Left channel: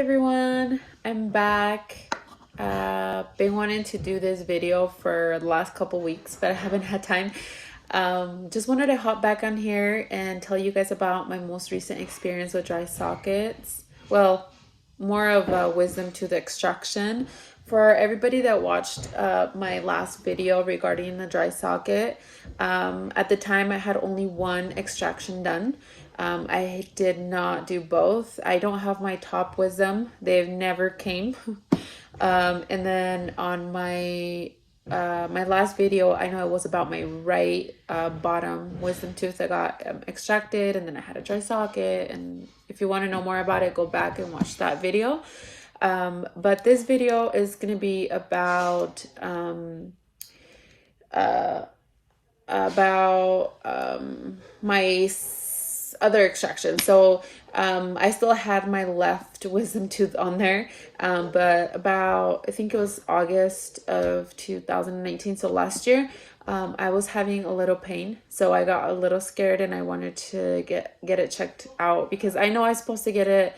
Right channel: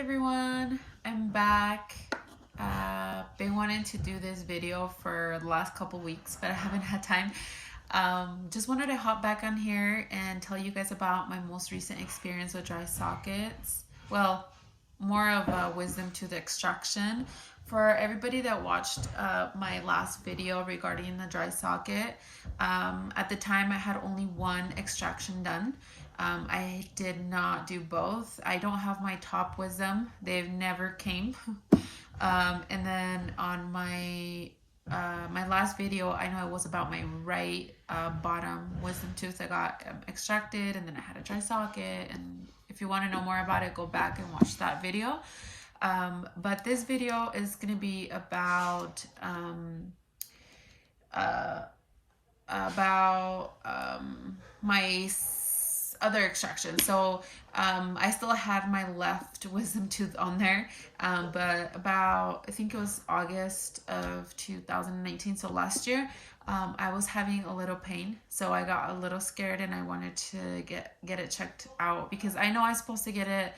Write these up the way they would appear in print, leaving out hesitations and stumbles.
everyone, I'm back. Been wanting to do this video for the last couple weeks, but I haven't had time. Just wanted to hop back on here and tell you guys about my most recent experience with dry sockets. Well, more of a wisdom tooth extraction. For everybody that watched my last video regarding the dry socket, at the time I had only one extraction done. I did not do both. I don't have my top wisdom. They've never came. And then on my my last video, I know it was about my right bottom wisdom tooth that got extracted, and then I had a dry socket. And if you want to know more about it, go back and watch that video. But this video is going to be about my other extraction. So I still had my left wisdom tooth on there, but about, I think it was August of 2019, so last year, I was having a little pain, so I got a little scared and I wanted to get it checked out, because I know I was supposed to get it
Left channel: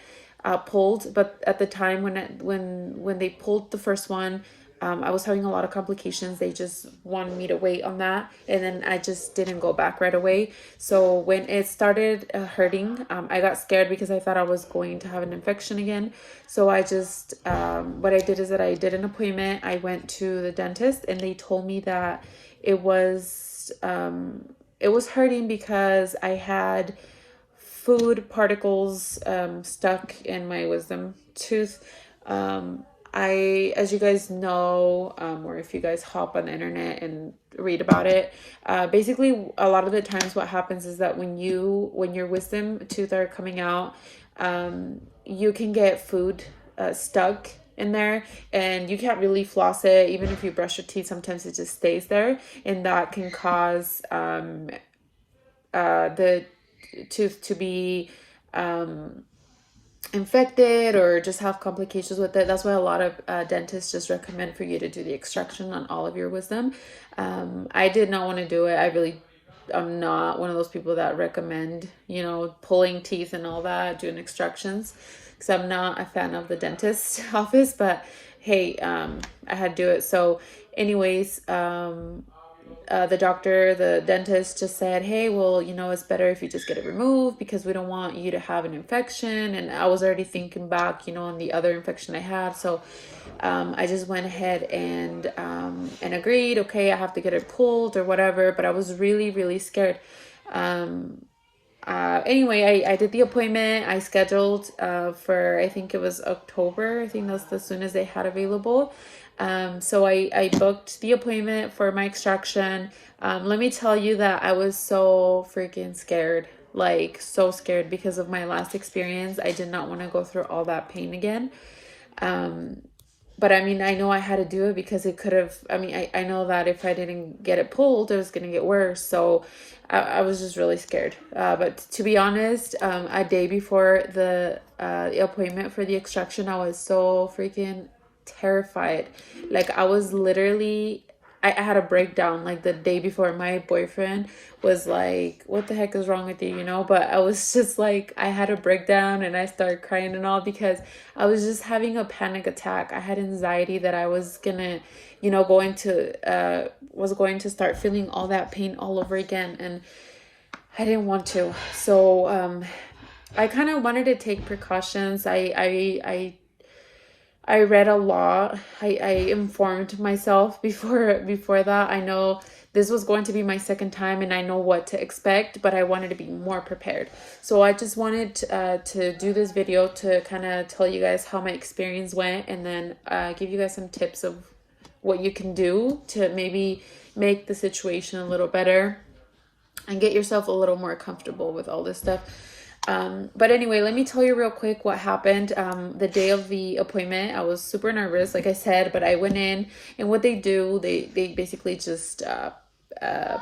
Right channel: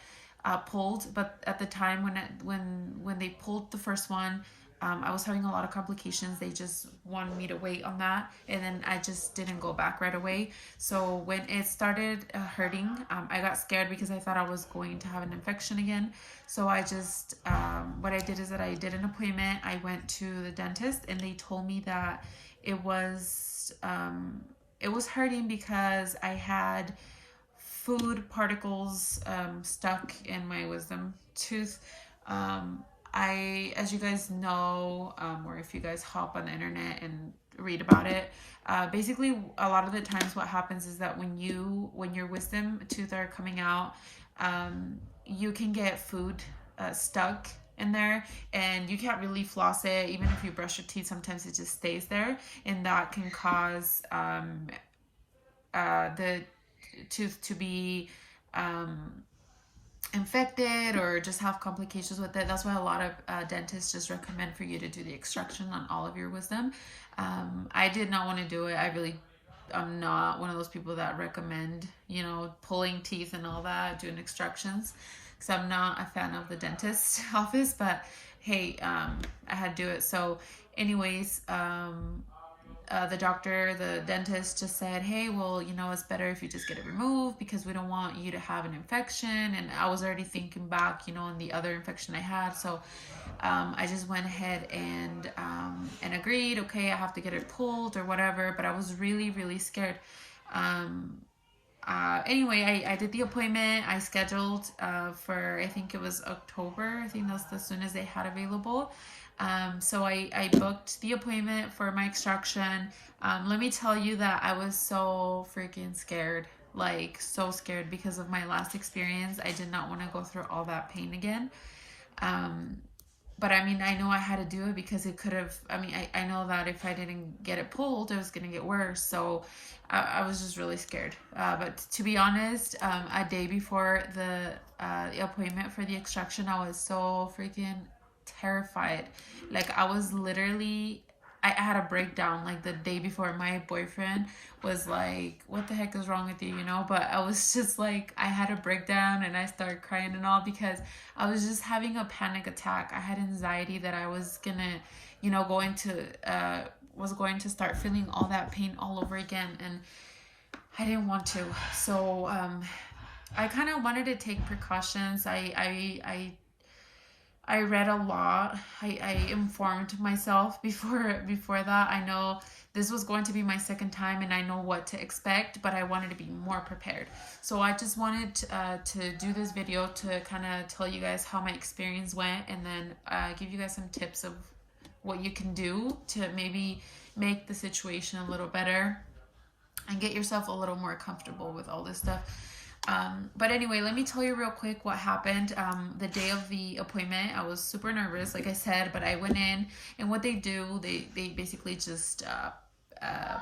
pulled, but at the time when they pulled the first one, I was having a lot of complications. They just wanted me to wait on that, and then I just didn't go back right away. So when it started hurting, I got scared because I thought I was going to have an infection again. So I just, what I did is that I did an appointment. I went to the dentist, and they told me that it was hurting because I had food particles stuck in my wisdom tooth. As you guys know, or if you guys hop on the internet and read about it, basically a lot of the times what happens is that when your wisdom tooth are coming out, you can get food stuck in there, and you can't really floss it. Even if you brush your teeth, sometimes it just stays there, and that can cause the tooth to be infected or just have complications with it. That's why a lot of dentists just recommend for you to do the extraction on all of your wisdom. I did not want to do it. I'm not one of those people that recommend, pulling teeth and all that, doing extractions, because I'm not a fan of the dentist office. But hey, I had to do it. So anyways, the dentist just said, hey, well, it's better if you just get it removed, because we don't want you to have an infection. And I was already thinking back, on the other infection I had. So I just went ahead and agreed, okay, I have to get it pulled or whatever. But I was really, really scared. Anyway, I did the appointment. I scheduled for, I think it was October. I think that's as soon as they had available. So I booked the appointment for my extraction. Let me tell you that I was so freaking scared, like so scared, because of my last experience. I did not want to go through all that pain again. But I mean, I know I had to do it because it could have, I know that if I didn't get it pulled, it was going to get worse. So I was just really scared. But to be honest, a day before the appointment for the extraction, I was so freaking terrified. Like, I was literally, I had a breakdown like the day before. My boyfriend was like, what the heck is wrong with you, but I was just like, I had a breakdown and I started crying and all, because I was just having a panic attack. I had anxiety that I was gonna, was going to start feeling all that pain all over again, and I didn't want to. So I kind of wanted to take precautions. I read a lot. I informed myself before that. I know this was going to be my second time, and I know what to expect, but I wanted to be more prepared. So I just wanted to do this video to kind of tell you guys how my experience went, and then give you guys some tips of what you can do to maybe make the situation a little better and get yourself a little more comfortable with all this stuff. But anyway, let me tell you real quick what happened. The day of the appointment, I was super nervous, like I said, but I went in, and what they do, they basically just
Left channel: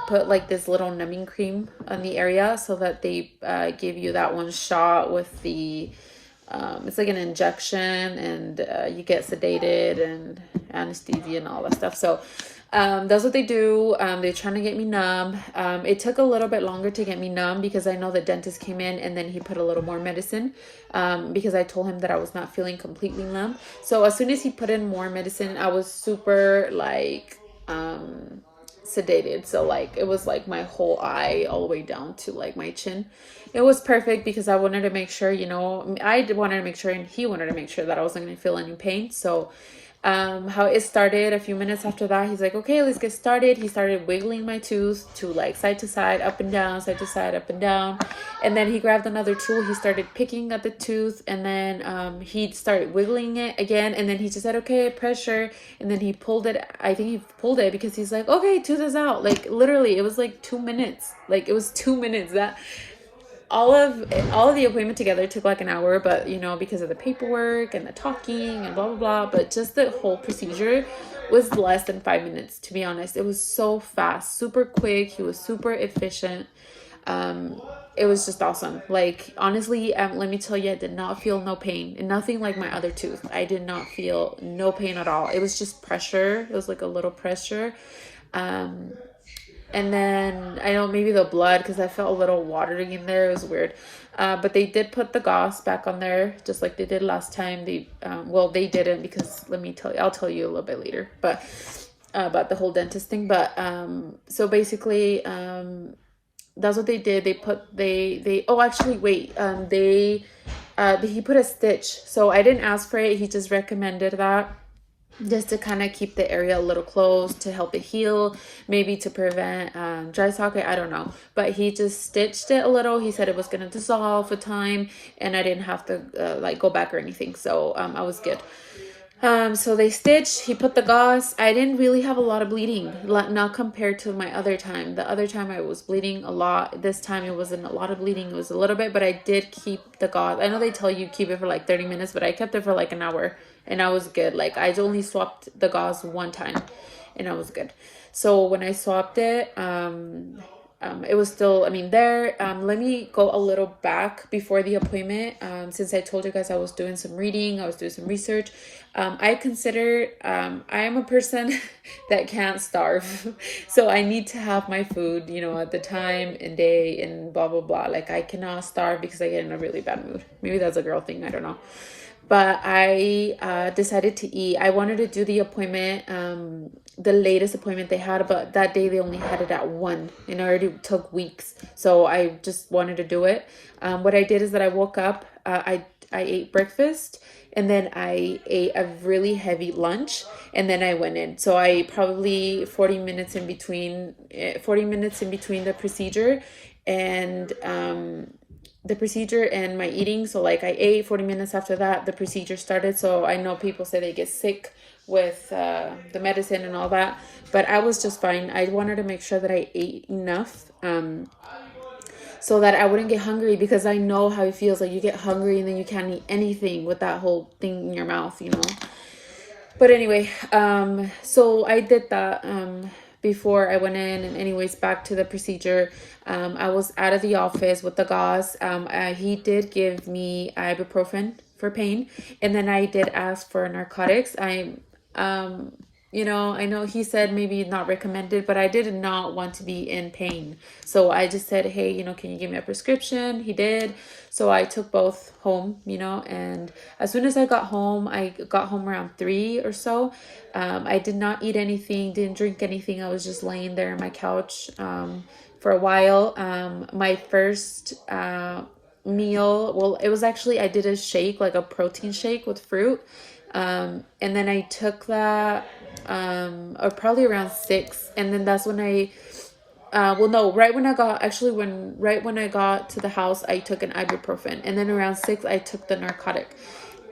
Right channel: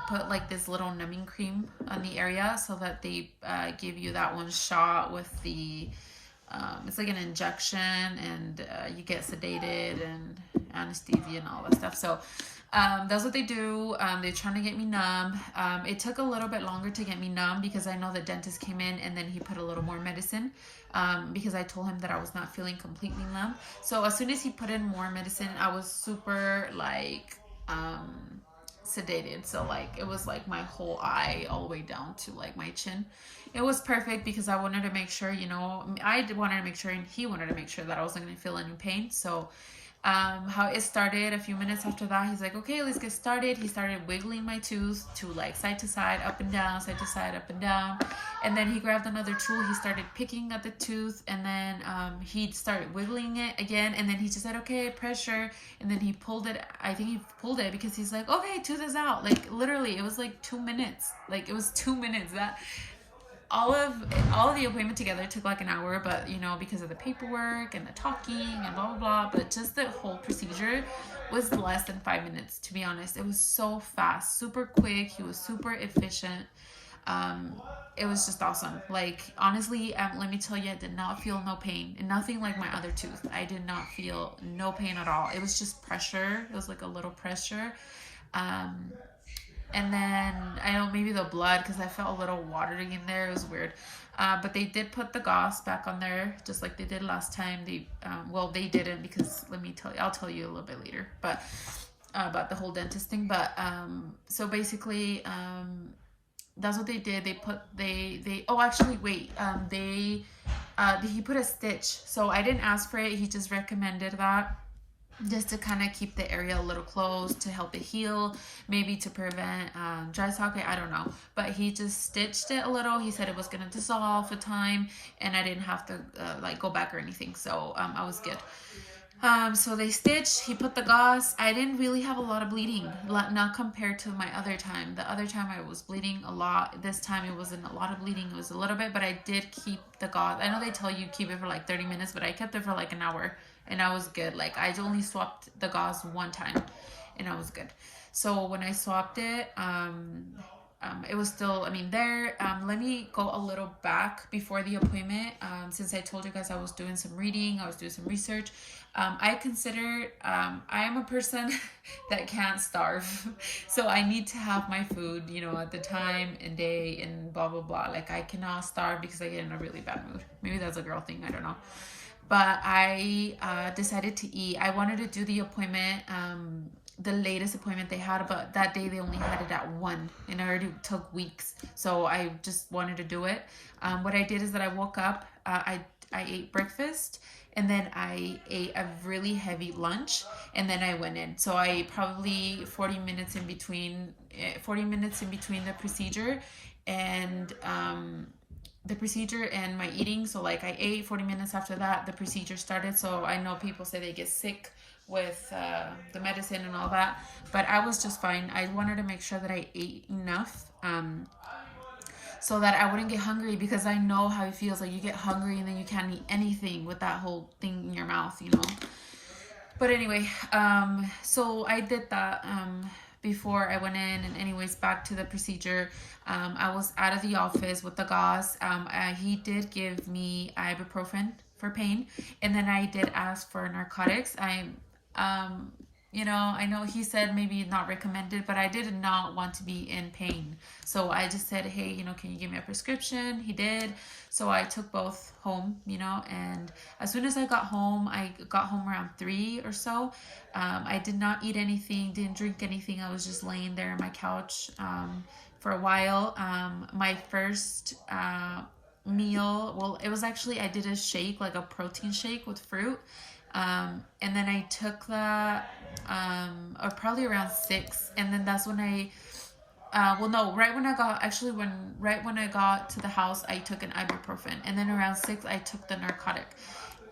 put like this little numbing cream on the area, so that they give you that one shot with the it's like an injection, and you get sedated and anesthesia and all that stuff. So That's what they do. They're trying to get me numb. It took a little bit longer to get me numb because I know the dentist came in and then he put a little more medicine, because I told him that I was not feeling completely numb. So as soon as he put in more medicine, I was super like sedated. So like it was like my whole eye all the way down to like my chin. It was perfect because I wanted to make sure, I wanted to make sure and he wanted to make sure that I wasn't going to feel any pain. So how it started, a few minutes after that, he's like, okay, let's get started. He started wiggling my tooth to like side to side, up and down, side to side, up and down. And then he grabbed another tool. He started picking at the tooth, and then he started wiggling it again. And then he just said, okay, pressure. And then he pulled it. I think he pulled it because he's like, okay, tooth is out. Like literally it was like 2 minutes. Like it was 2 minutes. That all of the appointment together took like an hour, but because of the paperwork and the talking and blah blah blah, but just the whole procedure was less than 5 minutes, to be honest. It was so fast, super quick. He was super efficient. It was just awesome. Like honestly, let me tell you, I did not feel no pain, and nothing like my other tooth. I did not feel no pain at all. It was just pressure. It was like a little pressure. And then I know maybe the blood, because I felt a little watery in there. It was weird. But they did put the gauze back on there, just like they did last time. They didn't, because let me tell you, I'll tell you a little bit later, but about the whole dentist thing. But so basically, that's what they did. He put a stitch. So I didn't ask for it. He just recommended that, just to kind of keep the area a little closed, to help it heal, maybe to prevent dry socket, I don't know. But he just stitched it a little. He said it was going to dissolve with time, and I didn't have to like go back or anything. So I was good. So they stitched, he put the gauze. I didn't really have a lot of bleeding, not compared to my other time. The other time I was bleeding a lot. This time it wasn't a lot of bleeding. It was a little bit, but I did keep the gauze. I know they tell you keep it for like 30 minutes, but I kept it for like an hour. And I was good. Like I only swapped the gauze one time and I was good. So when I swapped it, it was still, there. Let me go a little back before the appointment. Since I told you guys I was doing some reading, I was doing some research. I am a person that can't starve. So I need to have my food, at the time and day and blah, blah, blah. Like I cannot starve because I get in a really bad mood. Maybe that's a girl thing. I don't know. But I decided to eat. I wanted to do the appointment, the latest appointment they had, but that day they only had it at 1, and it already took weeks. So I just wanted to do it. What I did is that I woke up, I ate breakfast, and then I ate a really heavy lunch, and then I went in. So I probably 40 minutes in between the procedure and my eating. So like I ate, 40 minutes after that the procedure started. So I know people say they get sick with the medicine and all that, but I was just fine. I wanted to make sure that I ate enough so that I wouldn't get hungry, because I know how it feels. Like you get hungry and then you can't eat anything with that whole thing in your mouth, But anyway, so I did that before I went in. And anyways, back to the procedure. I was out of the office with the gauze. He did give me ibuprofen for pain, and then I did ask for narcotics. I know he said maybe not recommended, but I did not want to be in pain. So I just said, hey, can you give me a prescription? He did. So I took both home, and as soon as I got home around 3 or so. I did not eat anything, didn't drink anything. I was just laying there on my couch for a while. My first meal, well, it was actually, I did a shake, like a protein shake with fruit. And then I took that or probably around 6. And then that's when right when I got to the house, I took an ibuprofen. And then around 6, I took the narcotic.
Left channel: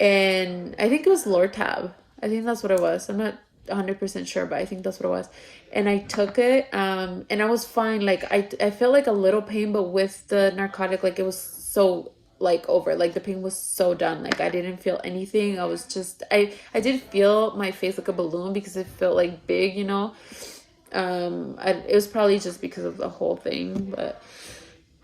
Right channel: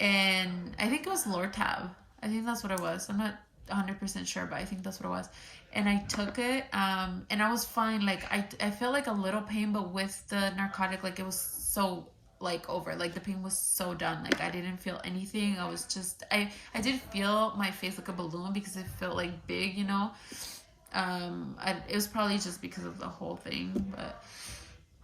And I think it was Lortab. I think that's what it was. I'm not 100% sure, but I think that's what it was. And I took it, and I was fine. Like I felt like a little pain, but with the narcotic, like it was so like over, like the pain was so done. Like I didn't feel anything. I was just, I did feel my face like a balloon because it felt like big, it was probably just because of the whole thing, but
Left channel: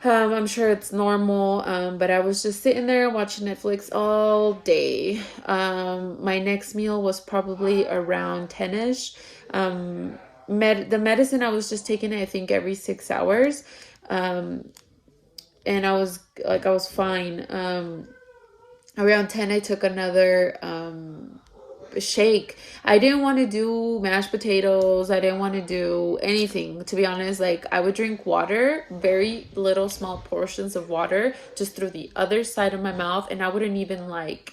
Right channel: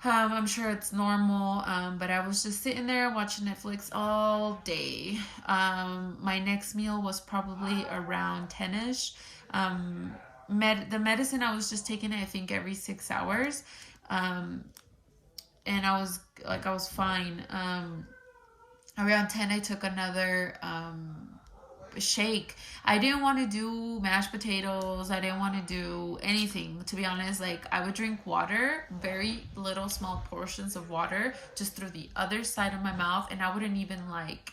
I'm sure it's normal. But I was just sitting there watching Netflix all day. My next meal was probably around 10ish. the medicine, I was just taking it, I think, every 6 hours. And I was fine. Around 10, I took another shake. I didn't want to do mashed potatoes. I didn't want to do anything, to be honest. Like, I would drink water, very little small portions of water, just through the other side of my mouth, and I wouldn't even like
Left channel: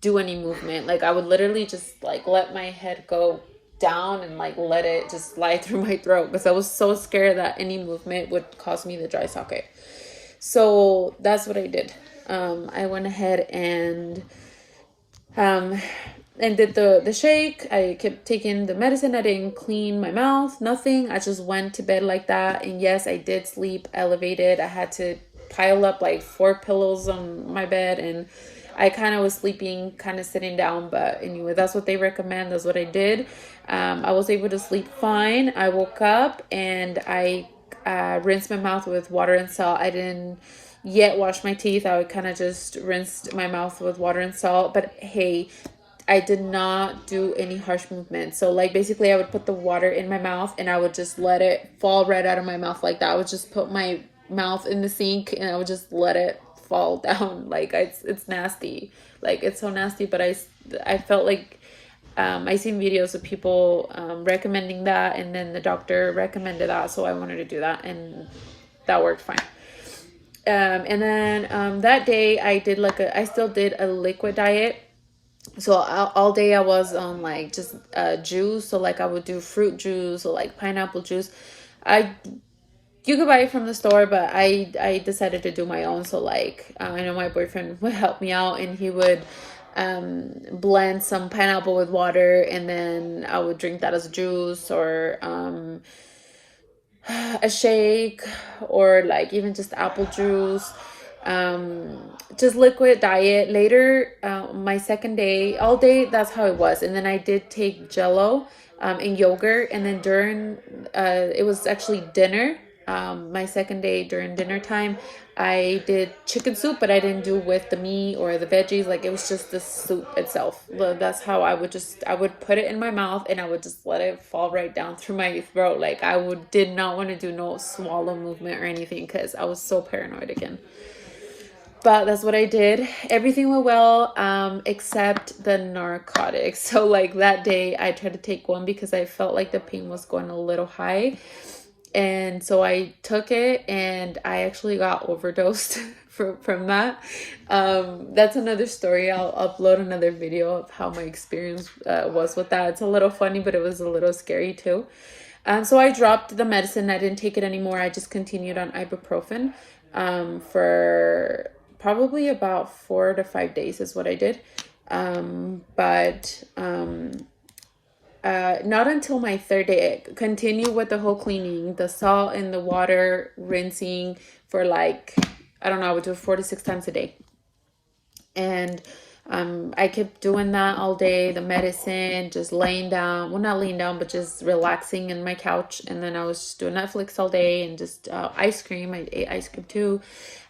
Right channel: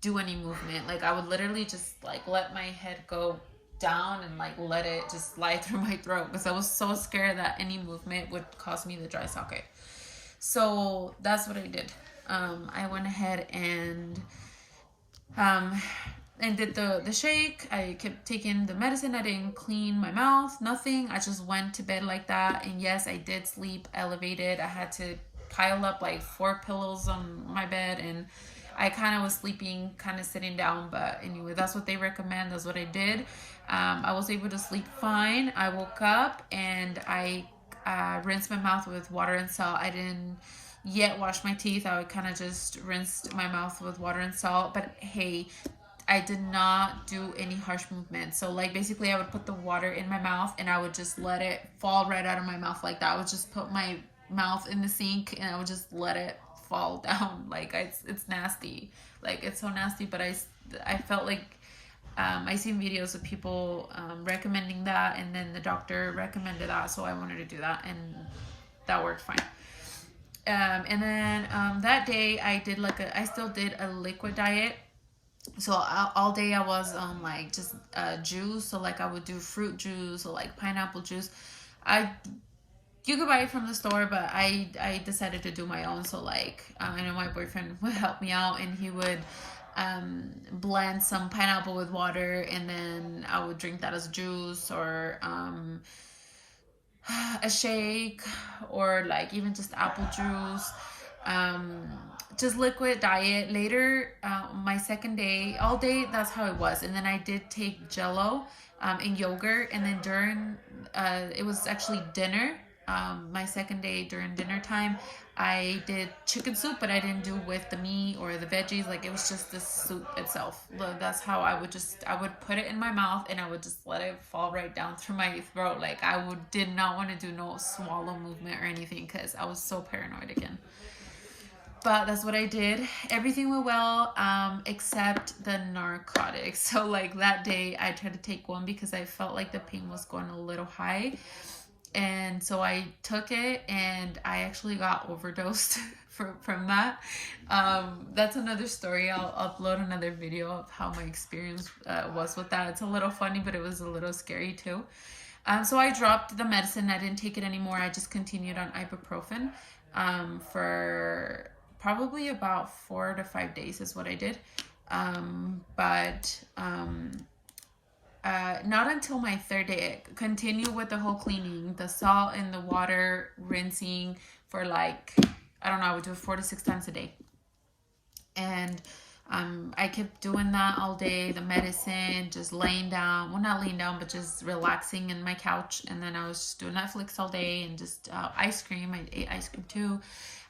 do any movement. Like, I would literally just like let my head go down and like let it just slide through my throat, because I was so scared that any movement would cause me the dry socket. So that's what I did. I went ahead and did the shake. I kept taking the medicine. I didn't clean my mouth, nothing. I just went to bed like that. And yes, I did sleep elevated. I had to pile up like 4 pillows on my bed, and I kind of was sleeping, kind of sitting down. But anyway, that's what they recommend. That's what I did. I was able to sleep fine. I woke up and I rinsed my mouth with water and salt. I didn't yet wash my teeth. I would kind of just rinsed my mouth with water and salt. But hey, I did not do any harsh movements. So like basically I would put the water in my mouth and I would just let it fall right out of my mouth like that. I would just put my mouth in the sink and I would just let it fall down. Like it's nasty. Like it's so nasty, but I felt like I seen videos of people recommending that, and then the doctor recommended that, so I wanted to do that, and that worked fine. And then that day I still did a liquid diet. So all day I was on like just juice. So like I would do fruit juice or like pineapple juice. You could buy it from the store, but I decided to do my own. So like I know my boyfriend would help me out, and he would blend some pineapple with water, and then I would drink that as juice, or a shake, or like even just apple juice. Just liquid diet. Later, my second day, all day, that's how it was. And then I did take Jello and yogurt, and then during it was actually dinner, my second day during dinner time, I did chicken soup, but I didn't do with the meat or the veggies. Like it was just the soup itself. That's how I would put it in my mouth and I would just let it fall right down through my throat. Like did not want to do no swallow movement or anything, because I was so paranoid again. But that's what I did. Everything went well, except the narcotics. So like that day I tried to take one because I felt like the pain was going a little high. And so I took it, and I actually got overdosed from that. That's another story. I'll upload another video of how my experience was with that. It's a little funny, but it was a little scary too. So I dropped the medicine. I didn't take it anymore. I just continued on ibuprofen for probably about 4 to 5 days is what I did. Not until my third day. I continue with the whole cleaning, the salt and the water rinsing for like, I don't know, I would do it 4 to 6 times a day. And I kept doing that all day, the medicine, just laying down, well, not laying down, but just relaxing in my couch. And then I was just doing Netflix all day, and just ice cream. I ate ice cream too.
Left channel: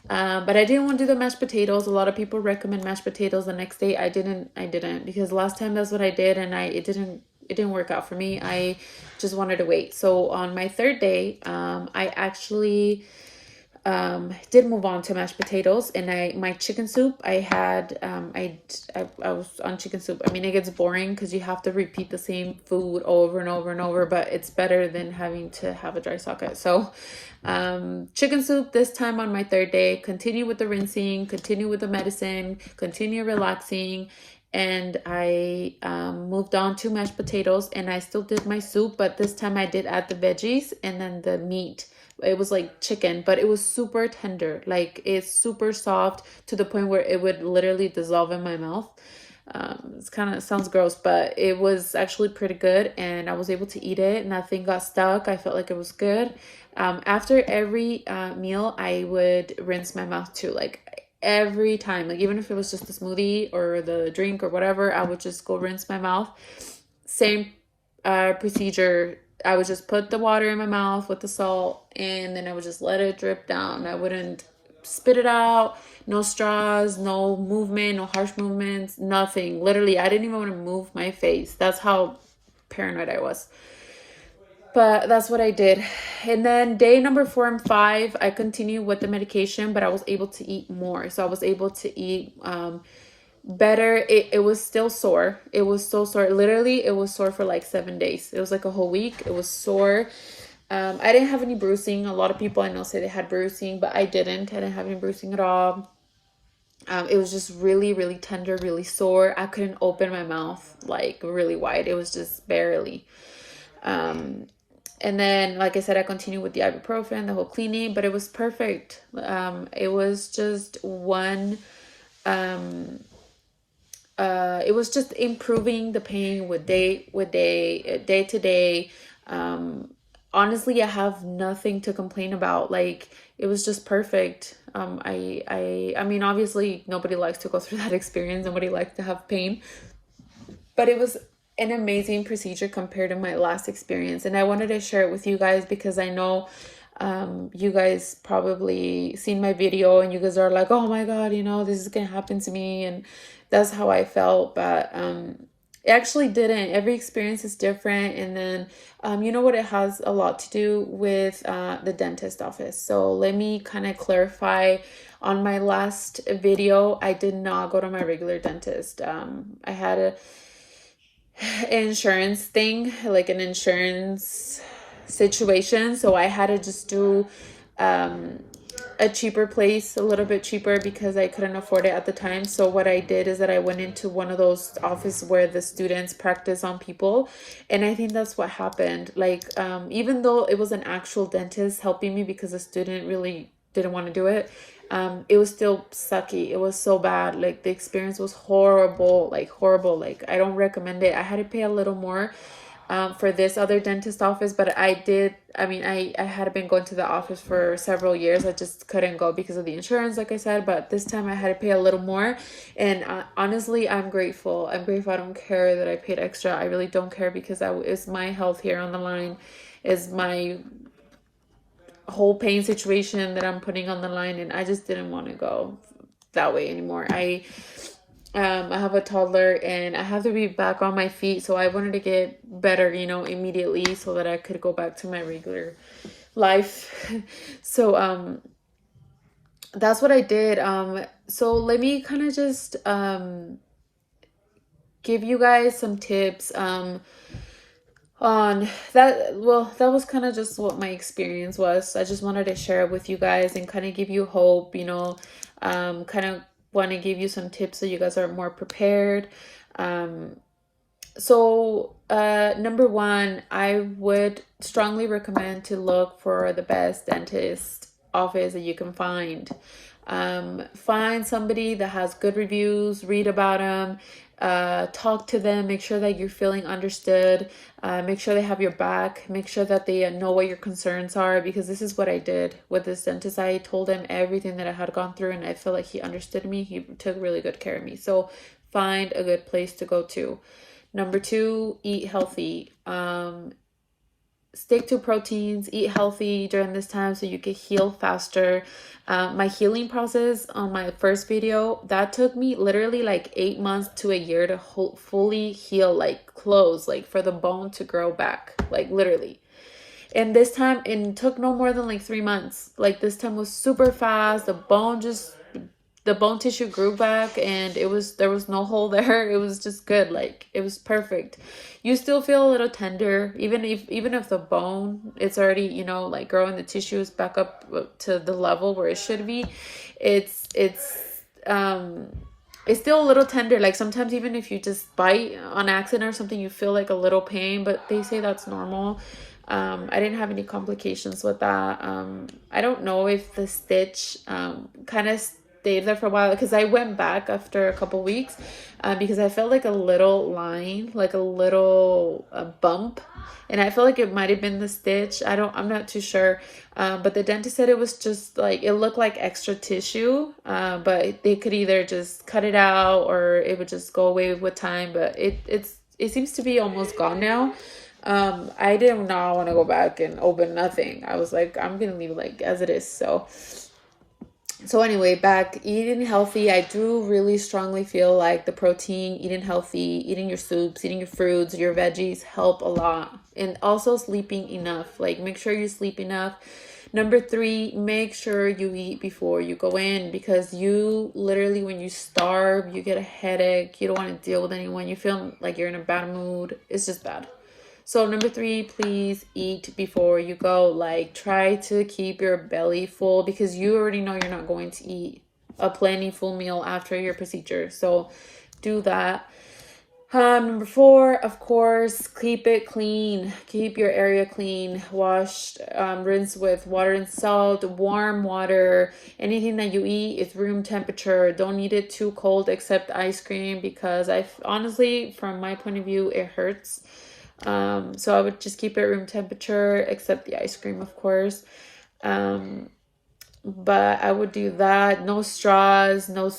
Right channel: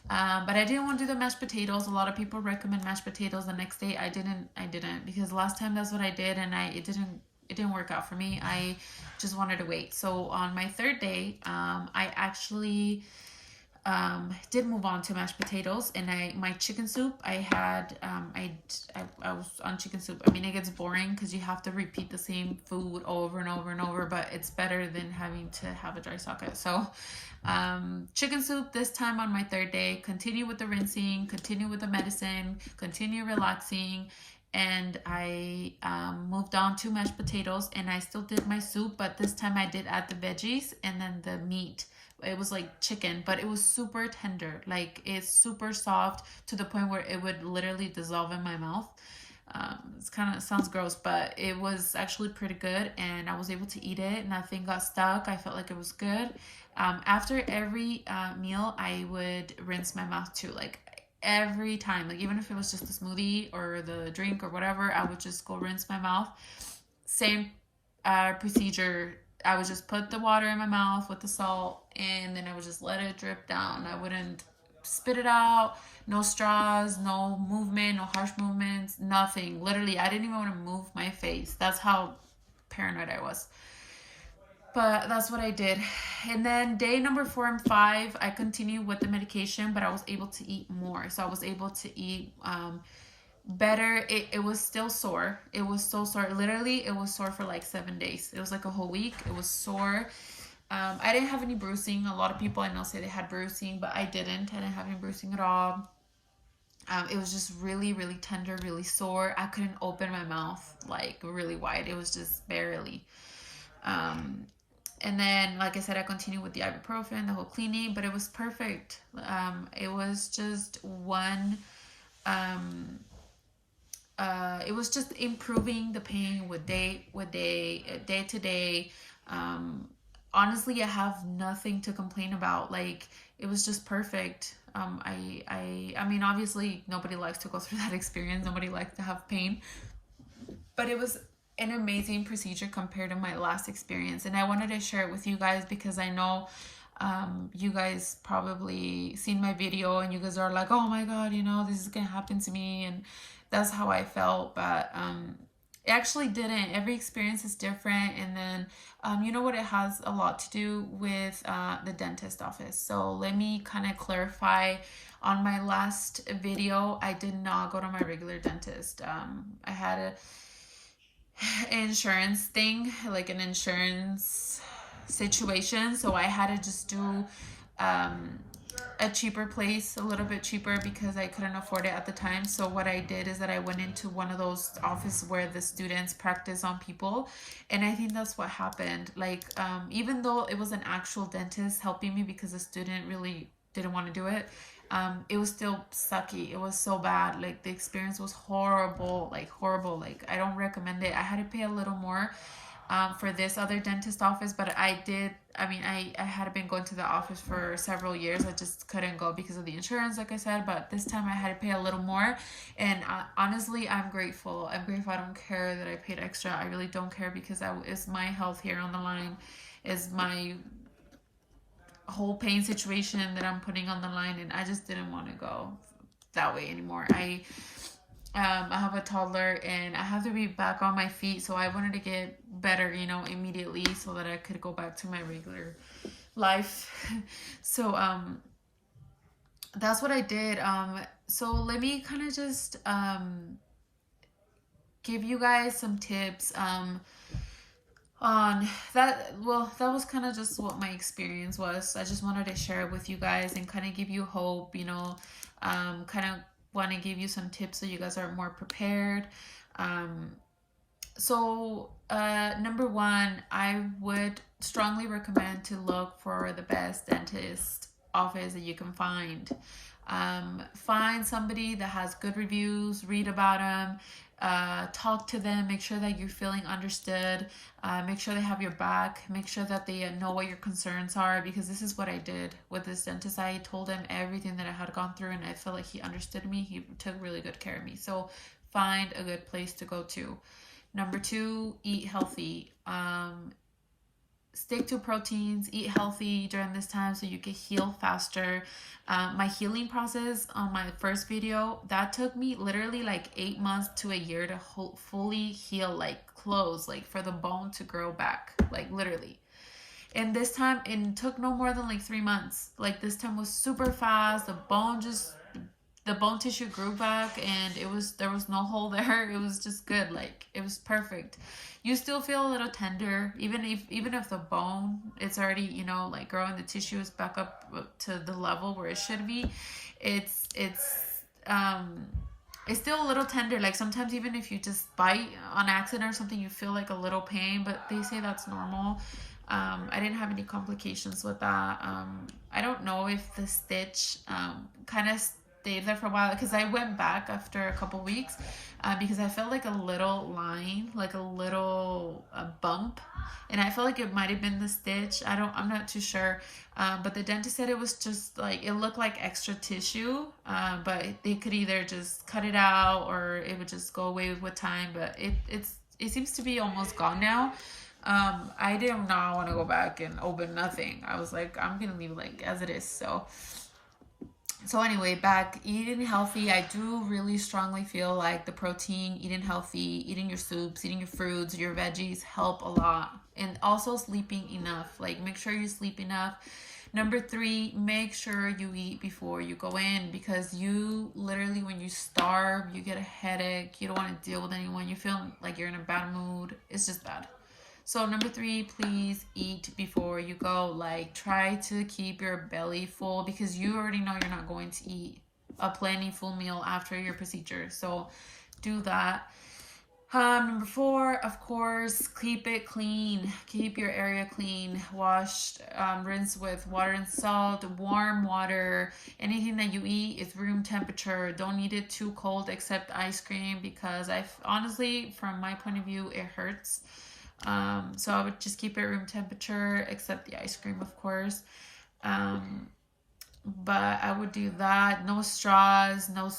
But I didn't want to do the mashed potatoes. A lot of people recommend mashed potatoes the next day. I didn't, because last time that's what I did, and it didn't work out for me. I just wanted to wait. So on my third day, I actually did move on to mashed potatoes, and my chicken soup, I was on chicken soup. I mean, it gets boring because you have to repeat the same food over and over and over, but it's better than having to have a dry socket. So chicken soup this time on my third day, continue with the rinsing, continue with the medicine, continue relaxing. And I moved on to mashed potatoes, and I still did my soup, but this time I did add the veggies and then the meat. It was like chicken, but it was super tender. Like it's super soft to the point where it would literally dissolve in my mouth. It's kind of sounds gross, but it was actually pretty good, and I was able to eat it. Nothing got stuck. I felt like it was good. After every meal, I would rinse my mouth too. Like every time, like even if it was just the smoothie or the drink or whatever, I would just go rinse my mouth. Same procedure. I would just put the water in my mouth with the salt, and then I would just let it drip down. I wouldn't spit it out. No straws, no movement, no harsh movements, nothing. Literally, I didn't even want to move my face. That's how paranoid I was. But that's what I did. And then day number 4 and 5, I continued with the medication, but I was able to eat more. So I was able to eat better. It was still sore. It was so sore. Literally, it was sore for like 7 days. It was like a whole week. It was sore. I didn't have any bruising. A lot of people I know say they had bruising, but I didn't. I didn't have any bruising at all. It was just really, really tender, really sore. I couldn't open my mouth like really wide. It was just barely. And then, like I said, I continued with the ibuprofen, the whole cleaning, but it was perfect. It was just it was just improving the pain day to day. Honestly, I have nothing to complain about. Like, it was just perfect. I mean, obviously nobody likes to go through that experience. Nobody likes to have pain, but it was an amazing procedure compared to my last experience. And I wanted to share it with you guys because I know you guys probably seen my video and you guys are like, oh my God, you know, this is gonna happen to me. And that's how I felt. But it actually didn't. Every experience is different. And then you know what, it has a lot to do with the dentist office. So let me kind of clarify. On my last video, I did not go to my regular dentist. I had a insurance thing, like an insurance situation, so I had to just do a cheaper place, a little bit cheaper, because I couldn't afford it at the time. So what I did is that I went into one of those offices where the students practice on people, and I think that's what happened. Like even though it was an actual dentist helping me, because the student really didn't want to do it, it was still sucky. It was so bad. Like, the experience was horrible, like horrible. Like, I don't recommend it. I had to pay a little more for this other dentist office, but I had been going to the office for several years. I just couldn't go because of the insurance, like I said, but this time I had to pay a little more. And honestly, I'm grateful. I don't care that I paid extra. I really don't care, because it's my health here on the line, is my whole pain situation that I'm putting on the line, and I just didn't want to go that way anymore. I have a toddler and I have to be back on my feet, so I wanted to get better, you know, immediately, so that I could go back to my regular life. So that's what I did. So let me kind of just give you guys some tips on that. Well, that was kind of just what my experience was. I just wanted to share it with you guys and kind of give you hope, you know. Kind of want to give you some tips so you guys are more prepared. So number 1, I would strongly recommend to look for the best dentist office that you can find. Find somebody that has good reviews, read about them, talk to them, make sure that you're feeling understood, make sure they have your back, make sure that they know what your concerns are, because this is what I did with this dentist. I told him everything that I had gone through, and I feel like he understood me. He took really good care of me. So find a good place to go to. Number 2, eat healthy. Stick to proteins, eat healthy during this time so you can heal faster. My healing process on my first video, that took me literally like 8 months to a year to fully heal, like close, like for the bone to grow back, like literally. And this time it took no more than like 3 months. Like, this time was super fast. The bone tissue grew back, and there was no hole there. It was just good. Like, it was perfect. You still feel a little tender, even if the bone, it's already, you know, like growing, the tissue is back up to the level where it should be. It's still a little tender. Like, sometimes even if you just bite on accident or something, you feel like a little pain, but they say that's normal. I didn't have any complications with that. I don't know if the stitch kind of stayed there for a while, because I went back after a couple weeks because I felt like a little line, like a little bump, and I feel like it might have been the stitch. I'm not too sure, but the dentist said it was just like, it looked like extra tissue, but they could either just cut it out or it would just go away with time. But it seems to be almost gone now. I did not want to go back and open nothing. I was like, I'm gonna leave like as it is. So So anyway, back eating healthy. I do really strongly feel like the protein, eating healthy, eating your soups, eating your fruits, your veggies help a lot. And also sleeping enough. Like, make sure you sleep enough. Number 3, make sure you eat before you go in, because you literally, when you starve, you get a headache. You don't want to deal with anyone. You feel like you're in a bad mood. It's just bad. So number 3, please eat before you go. Like, try to keep your belly full, because you already know you're not going to eat a plentiful meal after your procedure. So do that. Number 4, of course, keep it clean. Keep your area clean. Wash, rinse with water and salt, warm water. Anything that you eat is room temperature. Don't eat it too cold, except ice cream, because honestly, from my point of view, it hurts. So I would just keep it room temperature, except the ice cream, of course. But I would do that. No straws, no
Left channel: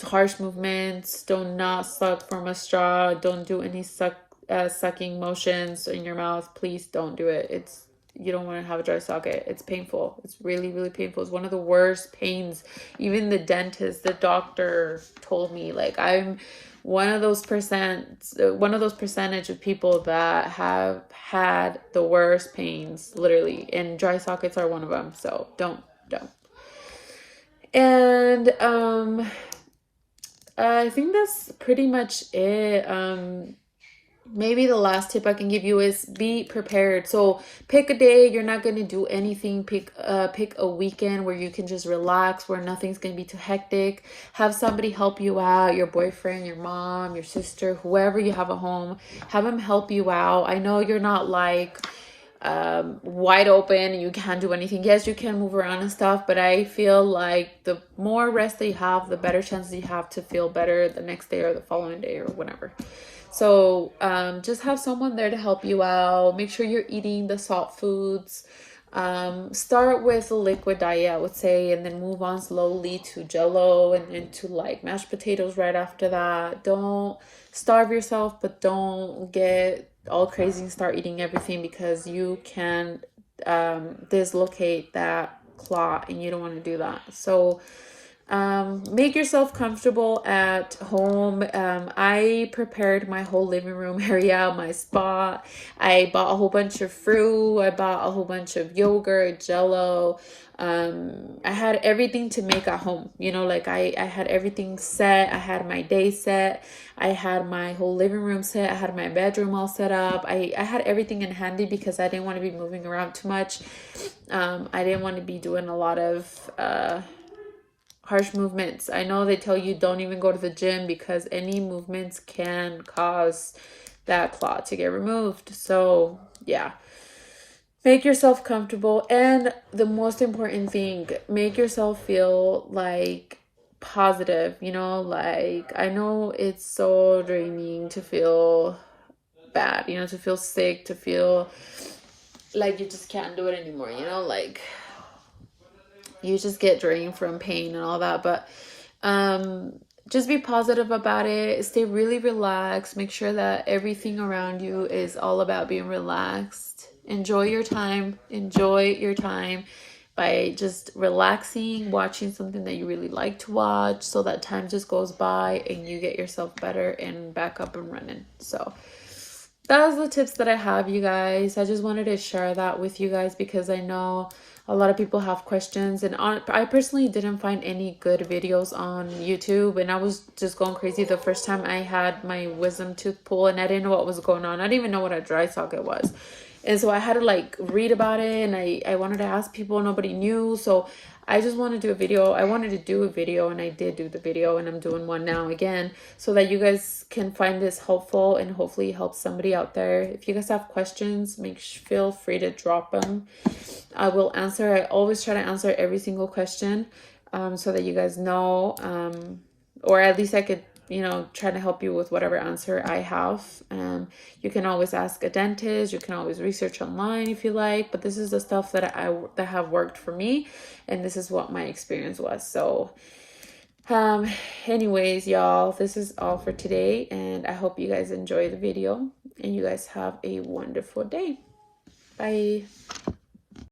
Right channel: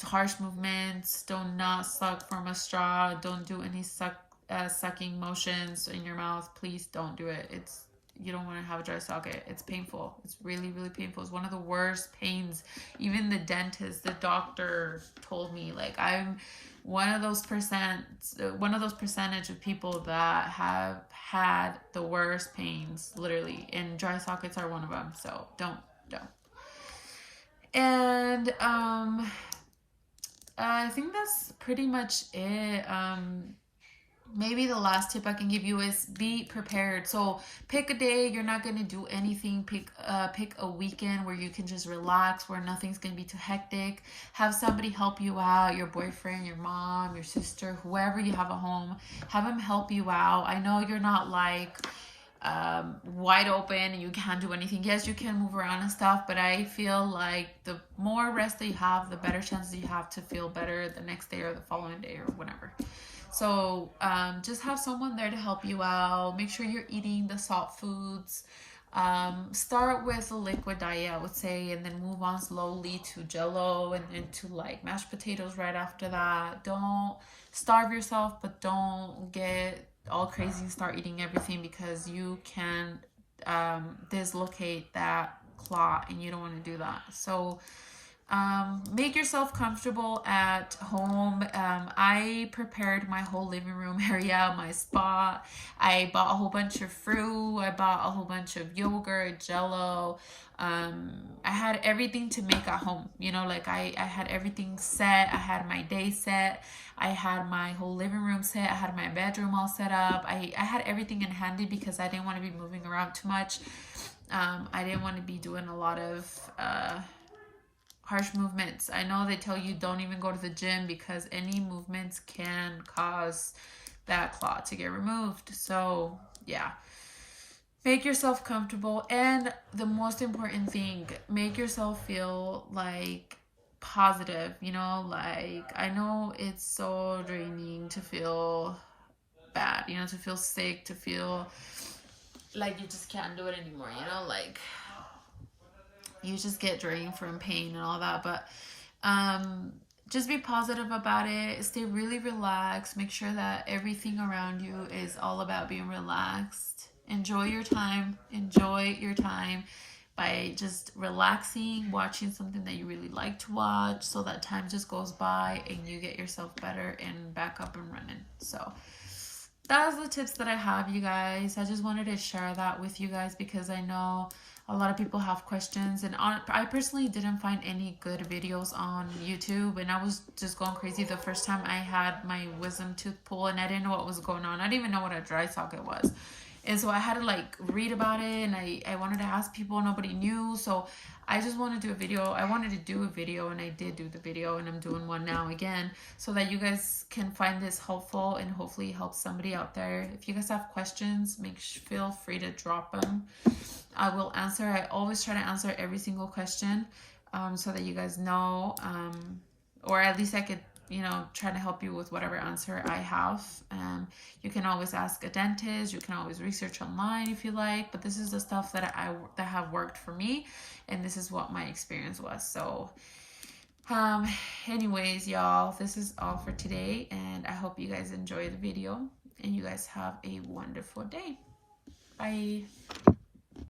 harsh movements. Do not suck from a straw. Don't do any sucking motions in your mouth. Please don't do it. You don't want to have a dry socket. It's painful. It's really, really painful. It's one of the worst pains. Even the dentist, the doctor told me, like, I'm one of those percentage of people that have had the worst pains, literally, and dry sockets are one of them. So don't. And I think that's pretty much it. Maybe the last tip I can give you is be prepared. So pick a day you're not going to do anything. Pick a weekend where you can just relax, where nothing's going to be too hectic. Have somebody help you out, your boyfriend, your mom, your sister, whoever you have at home. Have them help you out. I know you're not like wide open and you can't do anything. Yes, you can move around and stuff, but I feel like the more rest that you have, the better chances you have to feel better the next day or the following day or whatever. So just have someone there to help you out. Make sure you're eating the salt foods. Start with a liquid diet, I would say, and then move on slowly to Jello and then to like mashed potatoes right after that. Don't starve yourself, but don't get all crazy and start eating everything, because you can dislocate that clot and you don't want to do that. So make yourself comfortable at home. I prepared my whole living room area, my spot. I bought a whole bunch of fruit. I bought a whole bunch of yogurt, Jello. I had everything to make at home. Like I had everything set. I had my day set. I had my whole living room set. I had my bedroom all set up. I had everything in handy because I didn't want to be moving around too much. I didn't want to be doing a lot of harsh movements. I know they tell you don't even go to the gym because any movements can cause that clot to get removed. So yeah, make yourself comfortable, and the most important thing, make yourself feel like positive. Like, I know it's so draining to feel bad, to feel sick, to feel like you just can't do it anymore, like you just get drained from pain and all that. But just be positive about it. Stay really relaxed. Make sure that everything around you is all about being relaxed. Enjoy your time by just relaxing, watching something that you really like to watch, so that time just goes by and you get yourself better and back up and running. So that was the tips that I have, you guys. I just wanted to share that with you guys because I know a lot of people have questions, and I personally didn't find any good videos on YouTube, and I was just going crazy the first time I had my wisdom tooth pulled, and I didn't know what was going on. I didn't even know what a dry socket was, and so I had to like read about it, and I wanted to ask people. Nobody knew, so I just wanted to do a video. I wanted to do a video, and I did do the video, and I'm doing one now again, so that you guys can find this helpful and hopefully help somebody out there. If you guys have questions, feel free to drop them. I will answer. I always try to answer every single question, so that you guys know, or at least I could, try to help you with whatever answer I have. You can always ask a dentist. You can always research online if you like, but this is the stuff that that have worked for me, and this is what my experience was. So anyways, y'all, this is all for today, and I hope you guys enjoy the video and you guys have a wonderful day. Bye.